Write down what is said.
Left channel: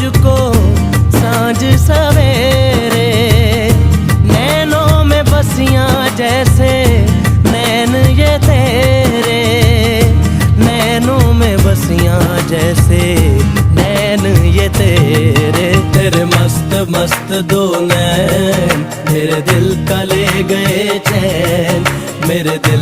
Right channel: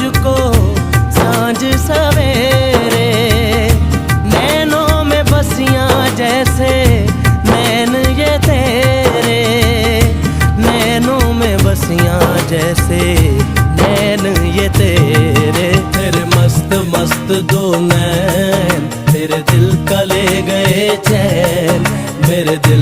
तुझको सांझ सवेरे। नैनों में बसियां जैसे नैन ये तेरे, नैनों में बसियां जैसे नैन ये तेरे। तेरे मस्त मस्त दो नैन मेरे दिल का ले गए चैन, मेरे दिल